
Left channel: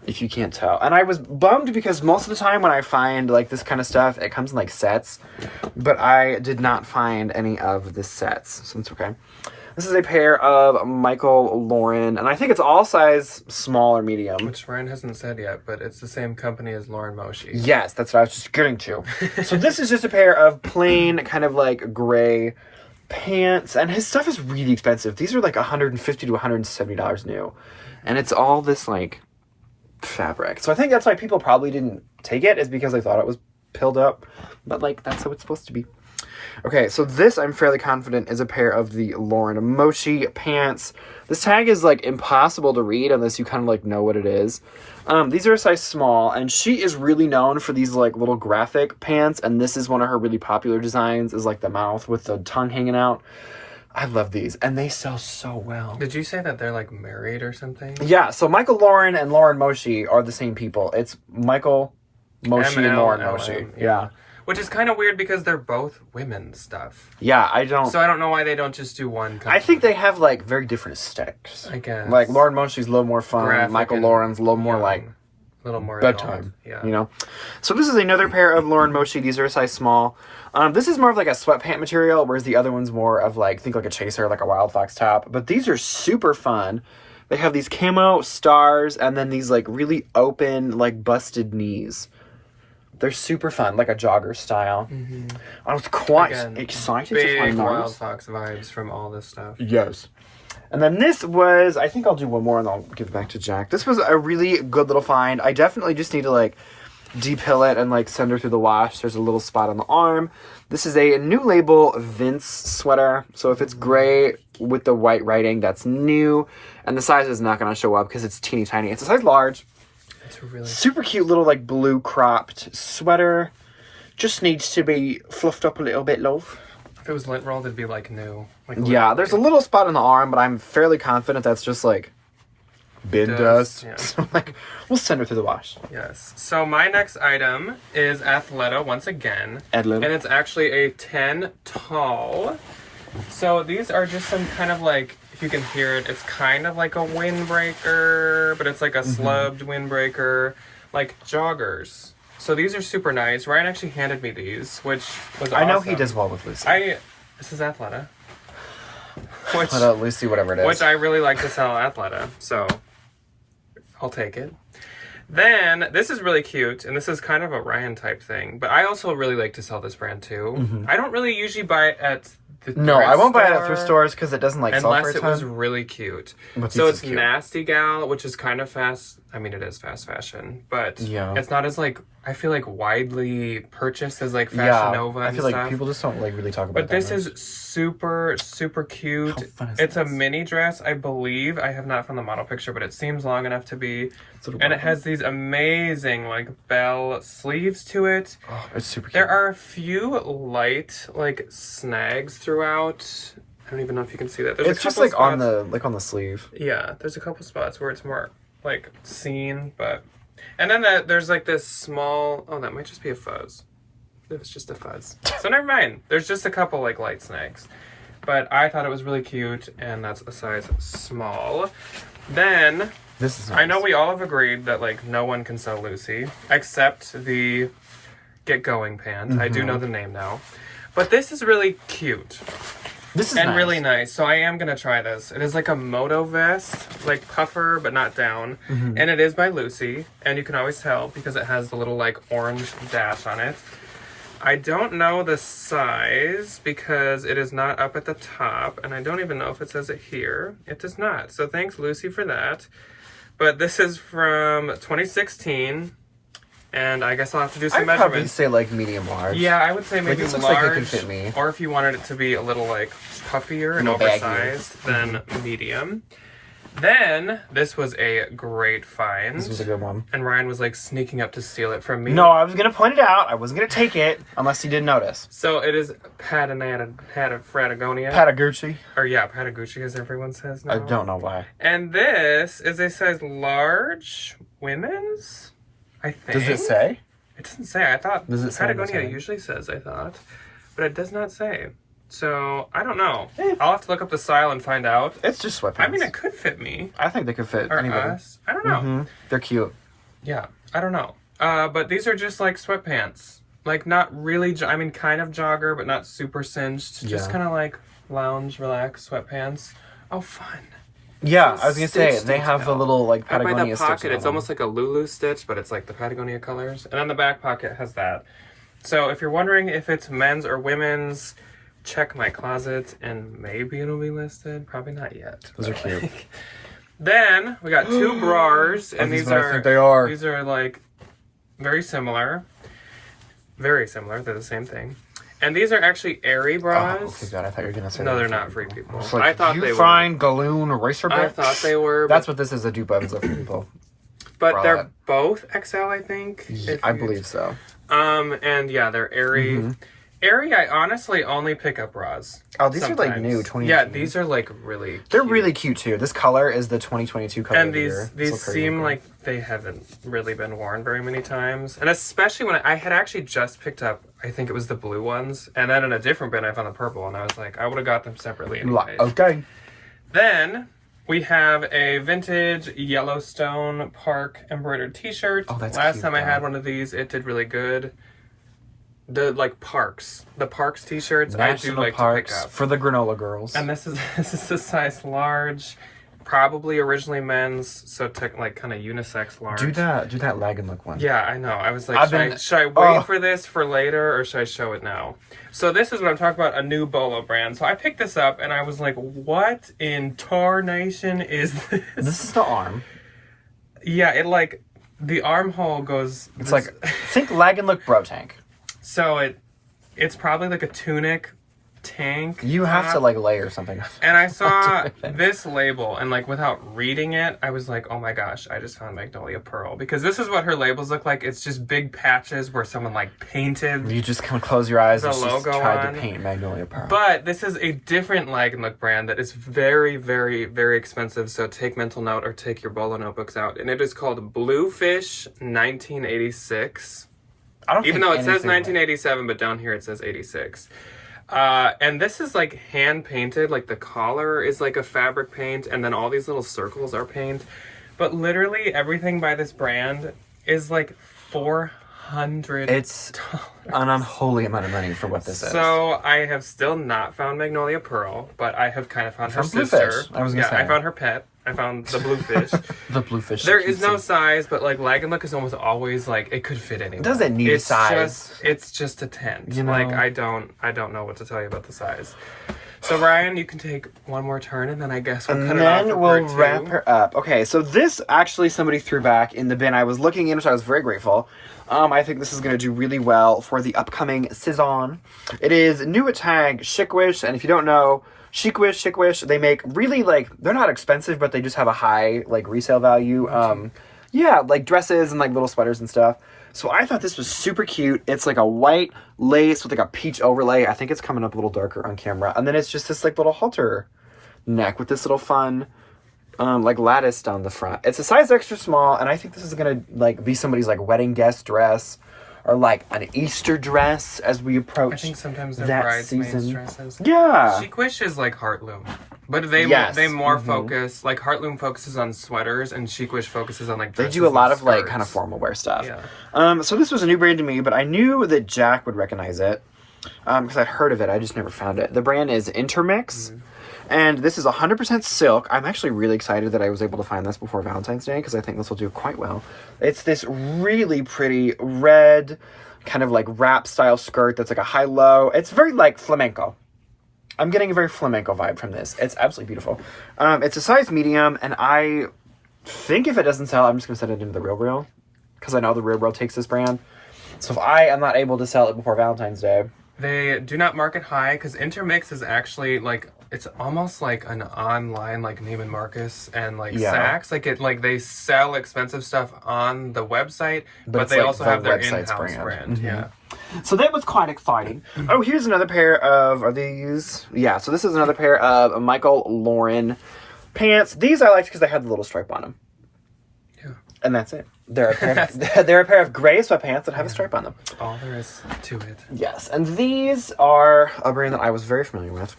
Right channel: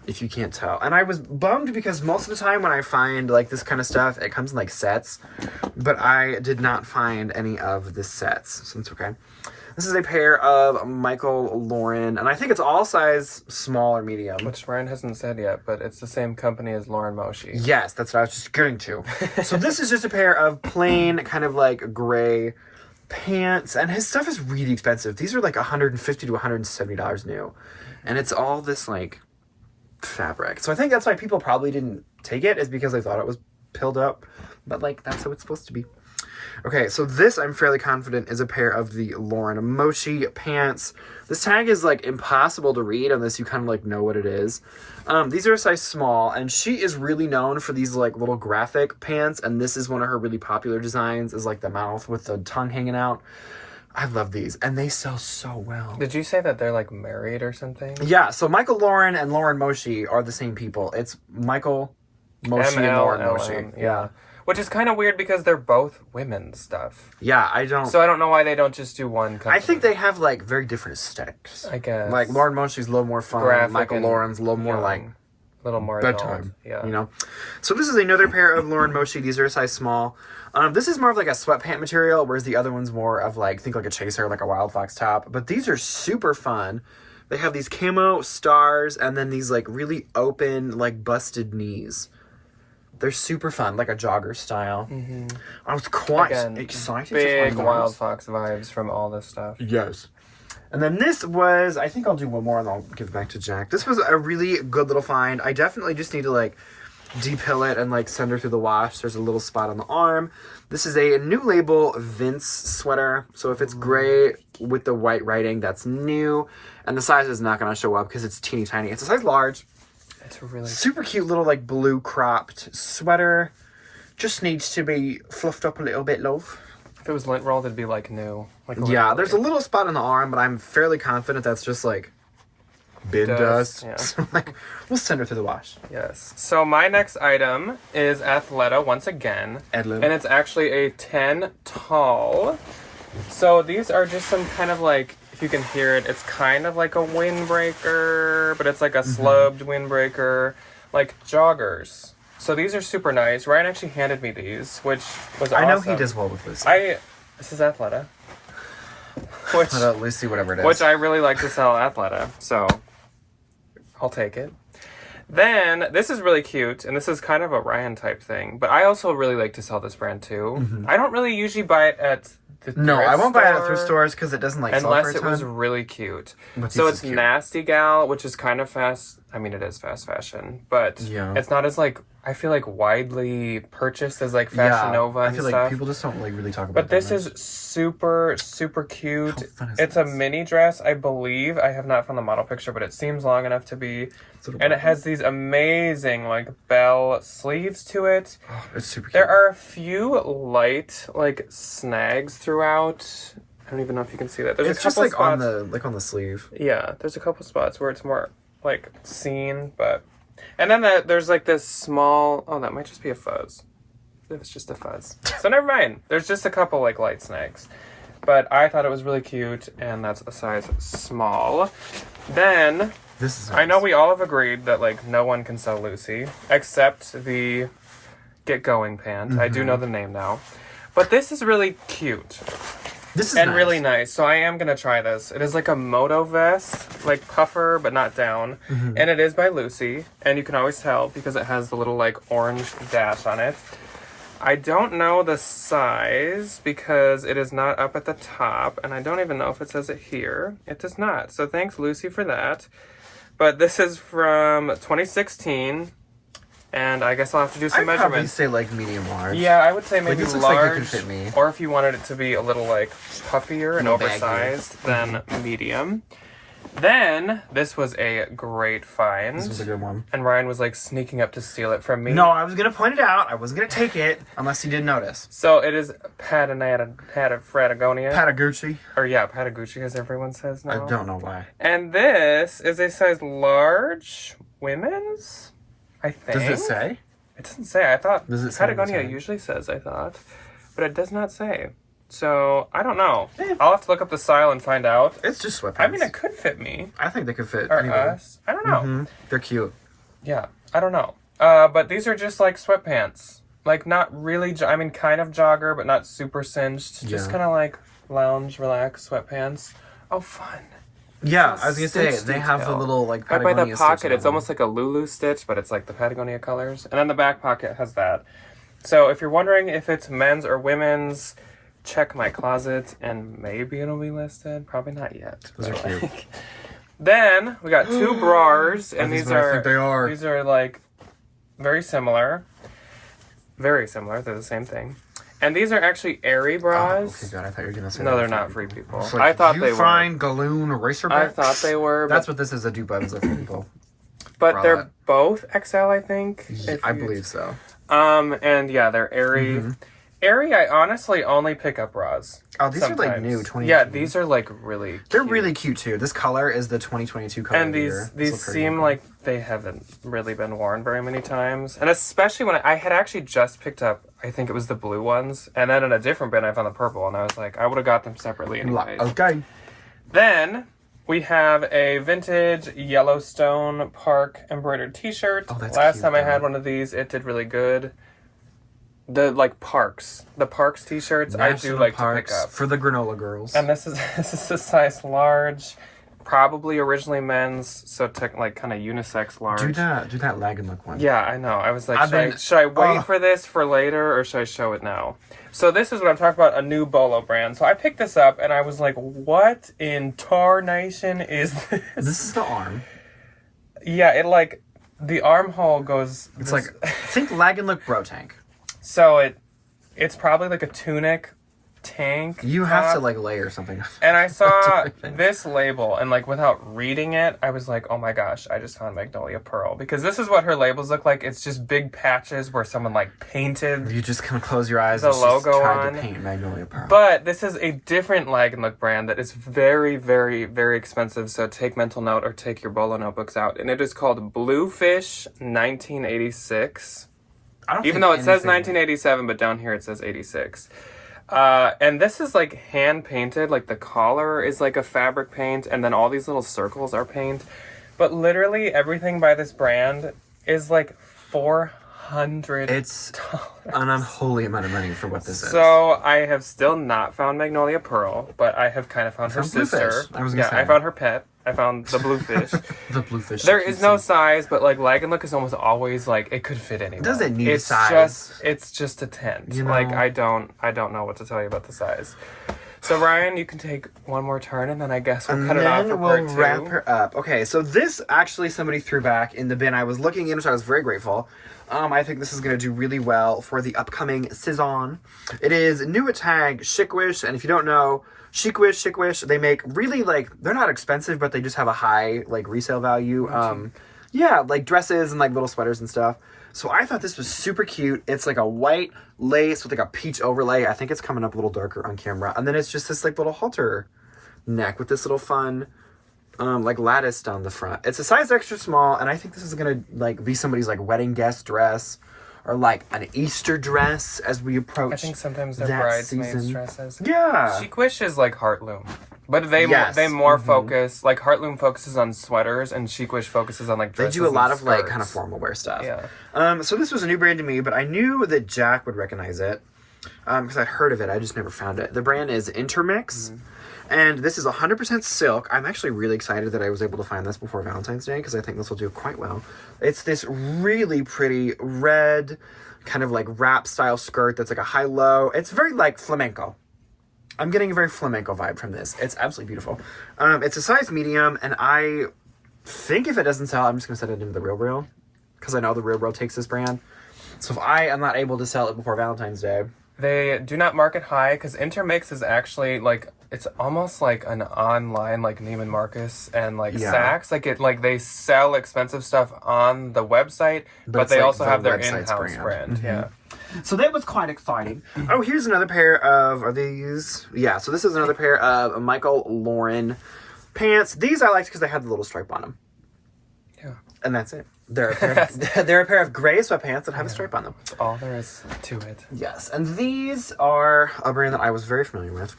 if you can't tell. And I was bummed because most of the time when I find like this kind of stuff, it comes in like sets, but I did not find any of the sets, so it's okay. This is a pair of Michael Lauren, and I think it's all size small or medium. Which Ryan hasn't said yet, but it's the same company as Lauren Moshi. Yes, that's what I was just getting to. So this is just a pair of plain, kind of like gray pants, and his stuff is really expensive. These are like $150 to $170 new, and it's all this like fabric. So I think that's why people probably didn't take it, is because they thought it was pilled up, but like that's how it's supposed to be. Okay, so this, I'm fairly confident, is a pair of the Lauren Mochi pants. This tag is, like, impossible to read unless you kind of, like, know what it is. These are a size small, and she is really known for these, like, little graphic pants, and this is one of her really popular designs, is, like, the mouth with the tongue hanging out. I love these, and they sell so well. Did you say that they're, like, married or something? Yeah, so Michael Lauren and Lauren Mochi are the same people. It's Michael Mochi and Lauren Mochi. Yeah. Which is kind of weird because they're both women's stuff. Yeah, I don't know why they don't just do one company. I think they have, like, very different aesthetics. I guess. Like, Lauren Mochi's a little more fun. Graphic Michael and Lauren's a little more, like, a little more bedtime. Yeah. You know? So this is another pair of Lauren Mochi. These are a size small. This is more of, like, a sweatpant material, whereas the other one's more of, like, think like a chaser, like a Wild Fox top. But these are super fun. They have these camo stars and then these, like, really open, like, busted knees. They're super fun, like a jogger style. Mm-hmm. I was quite excited to find those. Wild Fox vibes from all this stuff. Yes. And then this was, I think I'll do one more and I'll give it back to Jack. This was a really good little find. I definitely just need to like depill it and like send her through the wash. There's a little spot on the arm. This is a new label Vince sweater. So if it's gray with the white writing, that's new. And the size is not going to show up because it's teeny tiny. It's a size large. It's a really super cute little like blue cropped sweater. Just needs to be fluffed up a little bit, love. If it was lint rolled, it'd be like new. Like yeah, there's a little spot on the arm, but I'm fairly confident that's just like bin dust. Yeah. So like, we'll send her through the wash. Yes. So my next item is Athleta once again. Edlin. And it's actually a 10 tall. So these are just some kind of like, if you can hear it, it's kind of like a windbreaker, but it's like a slubbed windbreaker, like joggers. So these are super nice. Ryan actually handed me these, which was awesome. I know he does well with Lucy. This is Athleta. Which, Lucy, whatever it is. Which I really like to sell Athleta, so I'll take it. Then, this is really cute, and this is kind of a Ryan type thing, but I also really like to sell this brand too. Mm-hmm. I don't really usually buy it at the thrift No, I won't buy it at store, thrift stores because it doesn't like sell for a unless it ton. was really cute. But So this it's is cute. Nasty Gal, which is kind of fast. I mean, it is fast fashion, but Yeah. it's not as like, I feel like widely purchased as like Fashion Nova and I feel like stuff. people just don't like really talk about But that this much. is super, super cute. How fun is It's a this? mini dress, I believe. I have not found the model picture, but it seems long enough to be. And it has these amazing, like, bell sleeves to it. Oh, it's super cute. There are a few light, like, snags throughout. I don't even know if you can see that. There's It's a just couple like on the sleeve. Yeah, there's a couple spots where it's more, like, seen, but... And then there's, like, this small... Oh, that might just be a fuzz. It was just a fuzz. So never mind. There's just a couple, like, light snags. But I thought it was really cute, and that's a size small. Then... This is nice. I know we all have agreed that, like, no one can sell Lucy, except the Get Going pant. I do know the name now. But this is really cute. This is nice. Really nice. So I am going to try this. It is like a moto vest, like puffer, but not down. And it is by Lucy. And you can always tell because it has the little, like, orange dash on it. I don't know the size because it is not up at the top. And I don't even know if it says it here. It does not. So thanks, Lucy, for that. But this is from 2016. And I guess I'll have to do some I'd measurements. probably say like medium large. Yeah, I would say maybe this looks large. like it could fit me. Or if you wanted it to be a little like puffier and little oversized, then medium. Then this was a great find. This was a good one. And Ryan was like sneaking up to steal it from me. No, I was gonna point it out. I wasn't gonna take it unless you didn't notice. So it is Patagonia. Patagucci. Or yeah, Patagucci as everyone says now. I don't know why. And this is a size large women's, I think. Does it say? It doesn't say. I thought Does it say Patagonia usually says, I thought. But it does not say. So, I don't know. I'll have to look up the style and find out. It's just sweatpants. I mean, it could fit me. I think they could fit Or anybody. us. I don't know. Mm-hmm. They're cute. Yeah, I don't know. But these are just like sweatpants. Like, not really, I mean, kind of jogger, but not super cinched. Just kind of like lounge, relax sweatpants. Oh, fun. Yeah, I was gonna say, Stitch they have the detail. little, like, Right by Patagonia the pocket, stitching it's on almost like a Lulu stitch, but it's like the Patagonia colors. And then the back pocket has that. So if you're wondering if it's men's or women's, check my closet and maybe it'll be listed. Probably not yet. Those are cute. Then we got two bras, and these these what I are think they are. These are like very similar. Very similar. They're the same thing. And these are actually airy Oh, bras. okay, God, I thought you were gonna say No, that. they're not free people. It's like, I thought you they find Galoon eraser were. I book? thought they were. That's what this is, a dupe of for people. But bralette. they're both XL, I think. I believe so. And yeah, they're airy. Mm-hmm. Airy, I honestly only pick up bras. Oh, these are like sometimes. new, 20. Yeah, these are like really cute. They're really cute too. This color is the 2022 color And of the these year. these seem like they haven't really been worn very many times. And especially when I had actually just picked up, I think it was the blue ones. And then in a different bin, I found the purple. And I was like, I would have got them separately anyways. Okay. Then we have a vintage Yellowstone Park embroidered t-shirt. Oh, that's Last cute, time I though. had one of these, it did really good. The like the parks t-shirts, I do National like Parks to pick up. for the granola girls. And this is a size large, probably originally men's, so like kind of unisex large. Do that lag and look one. Yeah, I know. I was like, should I wait for this for later or should I show it now? So this is what I'm talking about, a new Bolo brand. So I picked this up and I was like, what in tarnation is this? This is the arm. Yeah, it like, the armhole goes... It's like, think lag and look bro tank. So it's probably like a tunic tank. You have to like layer something. And I saw this label, and like without reading it, I was like, oh my gosh, I just found Magnolia Pearl. Because this is what her labels look like. It's just big patches where someone like painted You just kind of close your eyes the and logo just tried on. to paint Magnolia Pearl. But this is a different Lag & Look brand that is very, very, very expensive. So take mental note or take your Bolo notebooks out. And it is called Bluefish 1986. I don't Even think though it says anything 1987, but down here it says 86. And this is like hand painted, like the collar is like a fabric paint, and then all these little circles are paint. But literally everything by this brand is like $400. It's an unholy amount of money for what this is. So I have still not found Magnolia Pearl, but I have kind of found her found sister. Bluefish. I was gonna say. I found her pet. I found the Bluefish. The Bluefish. There is no size, but like Lag & Look is almost always like it could fit anywhere. Does it need a size? It's just a tent. You know? Like I don't know what to tell you about the size. So Ryan, you can take one more turn, and then I guess we'll And cut it off. then for we'll part two. wrap her up. Okay, so this actually somebody threw back in the bin I was looking in, which I was very grateful. I think this is going to do really well for the upcoming season. It is new at tag Chicwish, and if you don't know, Chicwish, they make really like, they're not expensive, but they just have a high like resale value. Yeah, like dresses and like little sweaters and stuff. So I thought this was super cute. It's like a white lace with like a peach overlay. I think it's coming up a little darker on camera. And then it's just this like little halter neck with this little fun like lattice down the front. It's a size extra small, and I think this is gonna like be somebody's like wedding guest dress or like an Easter dress as we approach. I think sometimes they're that bridesmaids season. dresses. Yeah. Chicwish is like Heartloom, but they Yes. more focus, like Heartloom focuses on sweaters and Chicwish focuses on like They dresses do a lot and of like skirts. kind of formal wear stuff. Yeah. So this was a new brand to me, but I knew that Jack would recognize it because I'd heard of it. I just never found it. The brand is Intermix. And this is 100% silk. I'm actually really excited that I was able to find this before Valentine's Day because I think this will do quite well. It's this really pretty red kind of like wrap style skirt that's like a high-low. It's very like flamenco. I'm getting a very flamenco vibe from this. It's absolutely beautiful. It's a size medium, and I think if it doesn't sell, I'm just going to send it into the Real, because I know the Real takes this brand. So if I am not able to sell it before Valentine's Day... They do not market high, because Intermix is actually, like, it's almost like an online, like, Neiman Marcus and, like, Saks. Like, they sell expensive stuff on the website, but they also have their in-house brand. Mm-hmm. Yeah. So that was quite exciting. Oh, here's another pair of, are these? Yeah, so this is another pair of Michael Lauren pants. These I liked because they had the little stripe on them. Yeah. And that's it. They're a pair of gray sweatpants that have a stripe on them. That's all there is to it. Yes, and these are a brand that I was very familiar with.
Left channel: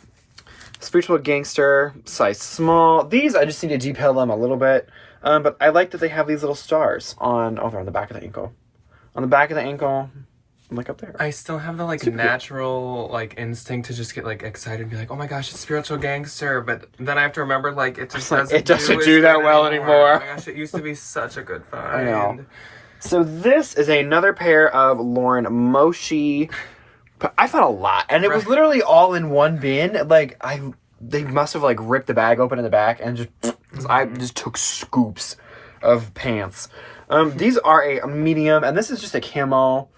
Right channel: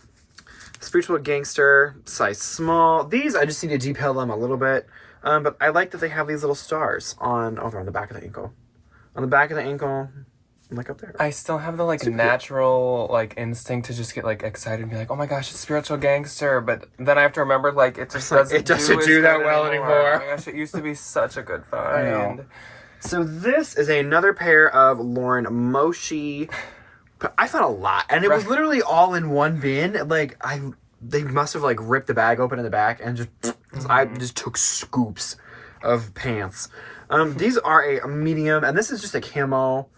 Spiritual Gangster, size small. These, I just need to detail them a little bit. But I like that they have these little stars over on the back of the ankle. On the back of the ankle, like up there. I still have the, like, natural, like, instinct to just get, like, excited and be like, oh my gosh, it's Spiritual Gangster. But then I have to remember, like, it just doesn't do that well anymore. Oh my gosh, it used to be such a good find. I know. So this is another pair of Lauren Moshi. I found a lot. And it was literally all in one bin. Like, they must have, like, ripped the bag open in the back and I just took scoops of pants. These are a medium, and this is just a camo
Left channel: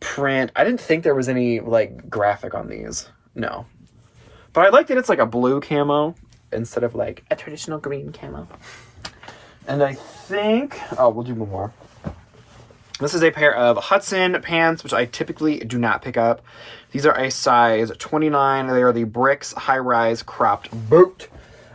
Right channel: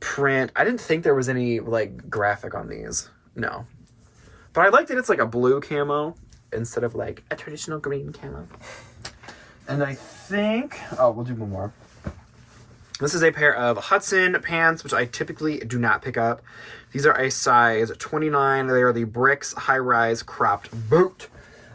print. I didn't think there was any, like, graphic on these. No. But I like that it's, like, a blue camo instead of, like, a traditional green camo. And I think... Oh, we'll do one more. This is a pair of Hudson pants, which I typically do not pick up. These are a size 29. They are the Bricks high-rise cropped boot.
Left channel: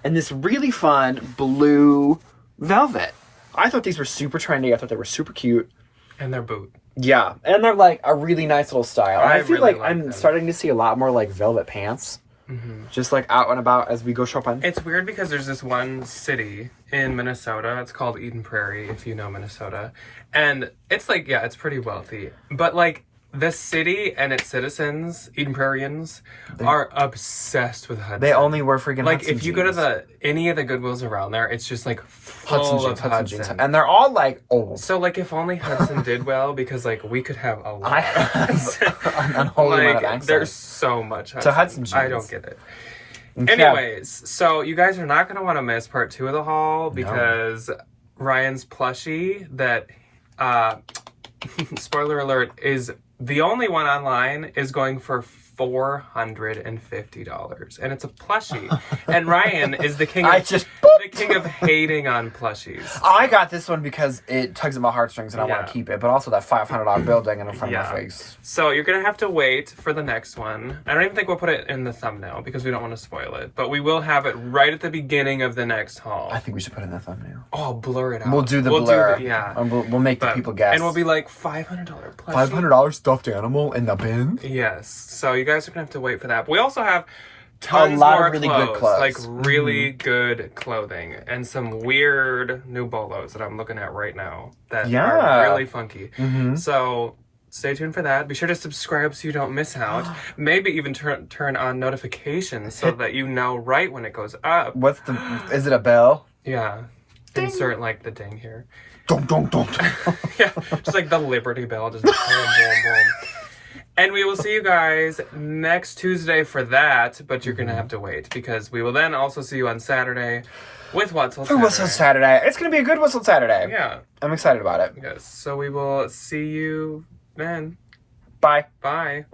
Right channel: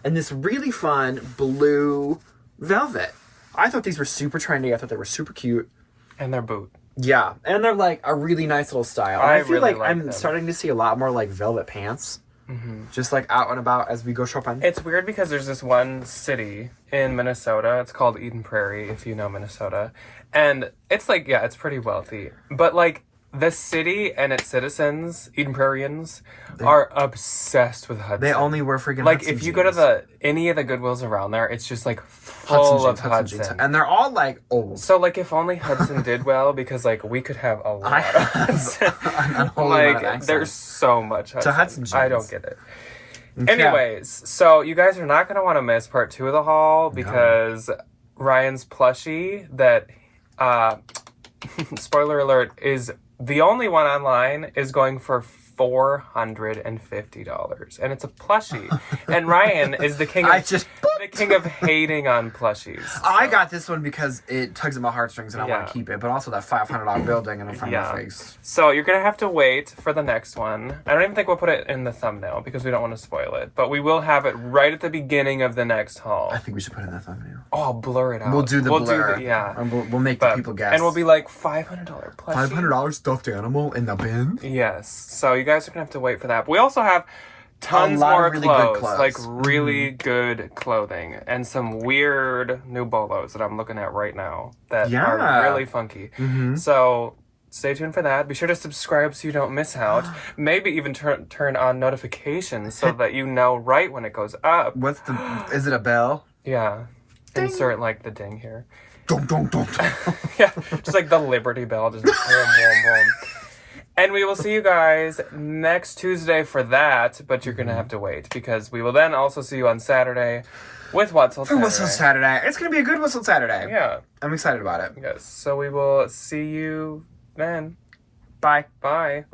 And this really fun blue velvet. I thought these were super trendy. I thought they were super cute. And they're boot. Yeah. And they're, like, a really nice little style. And I feel really like I'm them. starting to see a lot more, like, velvet pants. Mm-hmm. Just, like, out and about as we go shopping. It's weird because there's this one city in Minnesota. It's called Eden Prairie, if you know Minnesota. And it's, like, yeah, it's pretty wealthy. But, like, the city and its citizens, Eden Prairians, are obsessed with Hudson. They only wear freaking like, Hudson if you jeans. go to any of the Goodwills around there, it's just, like, full of Hudson. And they're all, like, old. So, like, if only Hudson did well, because, like, we could have a lot of Hudson. An unholy amount of access. There's so much Hudson. To Hudson jeans. I don't get it. Anyways, so you guys are not going to want to miss part 2 of the haul, because Ryan's plushie that, spoiler alert, is the only one online, is going for $450, and it's a plushie. And Ryan is the king of the king of hating on plushies. So. I got this one because it tugs at my heartstrings and I want to keep it, but also that $500 building in front of my face. So you're gonna have to wait for the next one. I don't even think we'll put it in the thumbnail because we don't want to spoil it, but we will have it right at the beginning of the next haul. I think we should put it in the thumbnail. Oh, I'll blur it out. We'll do the blur. And we'll make the people guess. And we'll be like, $500 plushie. $500 stuffed animal in the bin? Yes. So you guys are gonna have to wait for that. But we also have tons more more really clothes, good clothes. like really good clothing, and some weird new bolos that I'm looking at right now that are really funky. So stay tuned for that. Be sure to subscribe so you don't miss out. Maybe even turn on notifications so that you know right when it goes up. Is it a bell? Yeah. Ding. Insert like the ding here. Dong, dong, dong. Yeah, just like the Liberty Bell, just boom, boom, boom. And we will see you guys next Tuesday for that, but you're going to have to wait because we will then also see you on Saturday with What's Saturday. Whistle Saturday. It's going to be a good Whistle Saturday. Yeah. I'm excited about it. Yes. So we will see you then. Bye. Bye.